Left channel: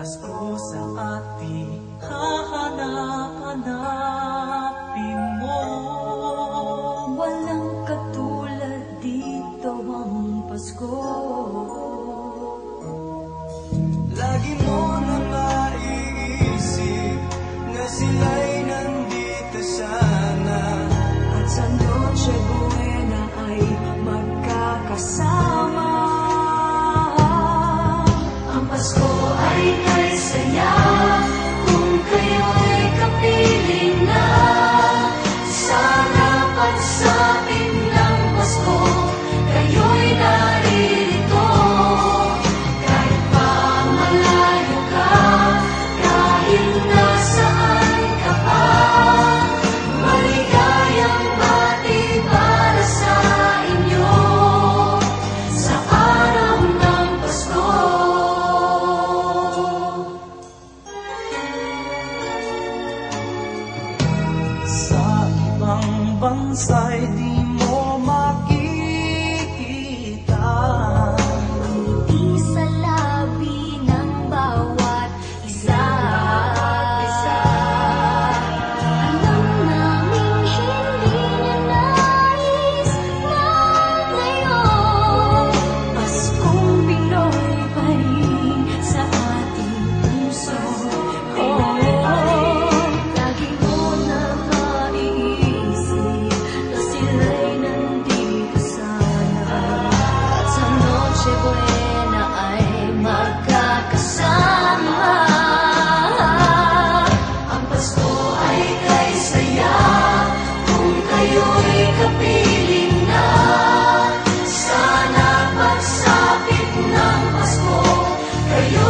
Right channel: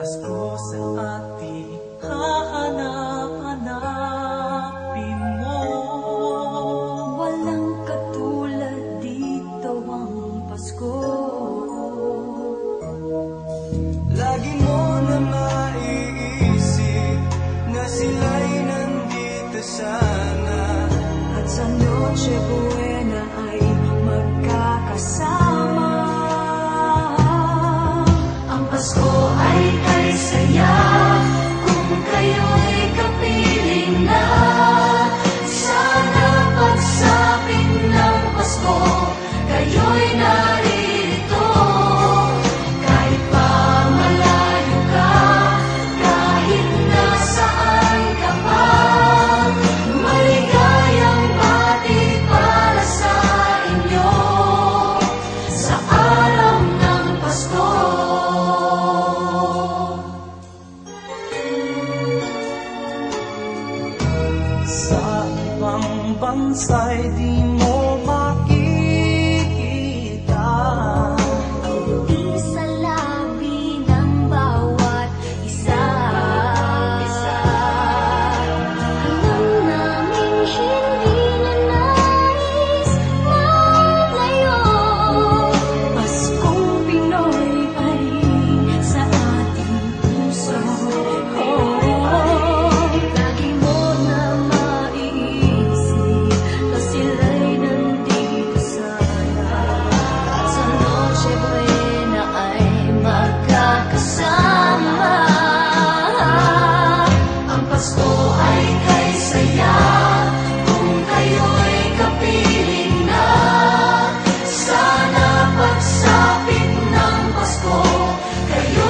Pasko sa ating hahanap-hanapin mo. Walang katulad dito ang Pasko. Lagi mo na maiisip na sila'y nandito sana, at sa Noche Buena ay magkakasama. Ang Pasko ay kay saya kung kayo'y kapiling na. Sana pagsapit ng Pasko kayo'y narito. Kahit pa malayo ka, kahit nasaan ka pa, maligayang bati para sa inyo sa araw ng Pasko. Sa ibang bansa'y di mo makikita ngiti sa labi ng bawat isa. Alam naming hindi na nais maglayo, Paskong Pinoy pa rin sa ating puso. Lagi mo na maiisip na sila'y nandito sana, at sa Noche Buena ay magkakasama. Ang Pasko ay kay saya kung kayo'y kapiling na. Sana pagsapit ng Pasko kayo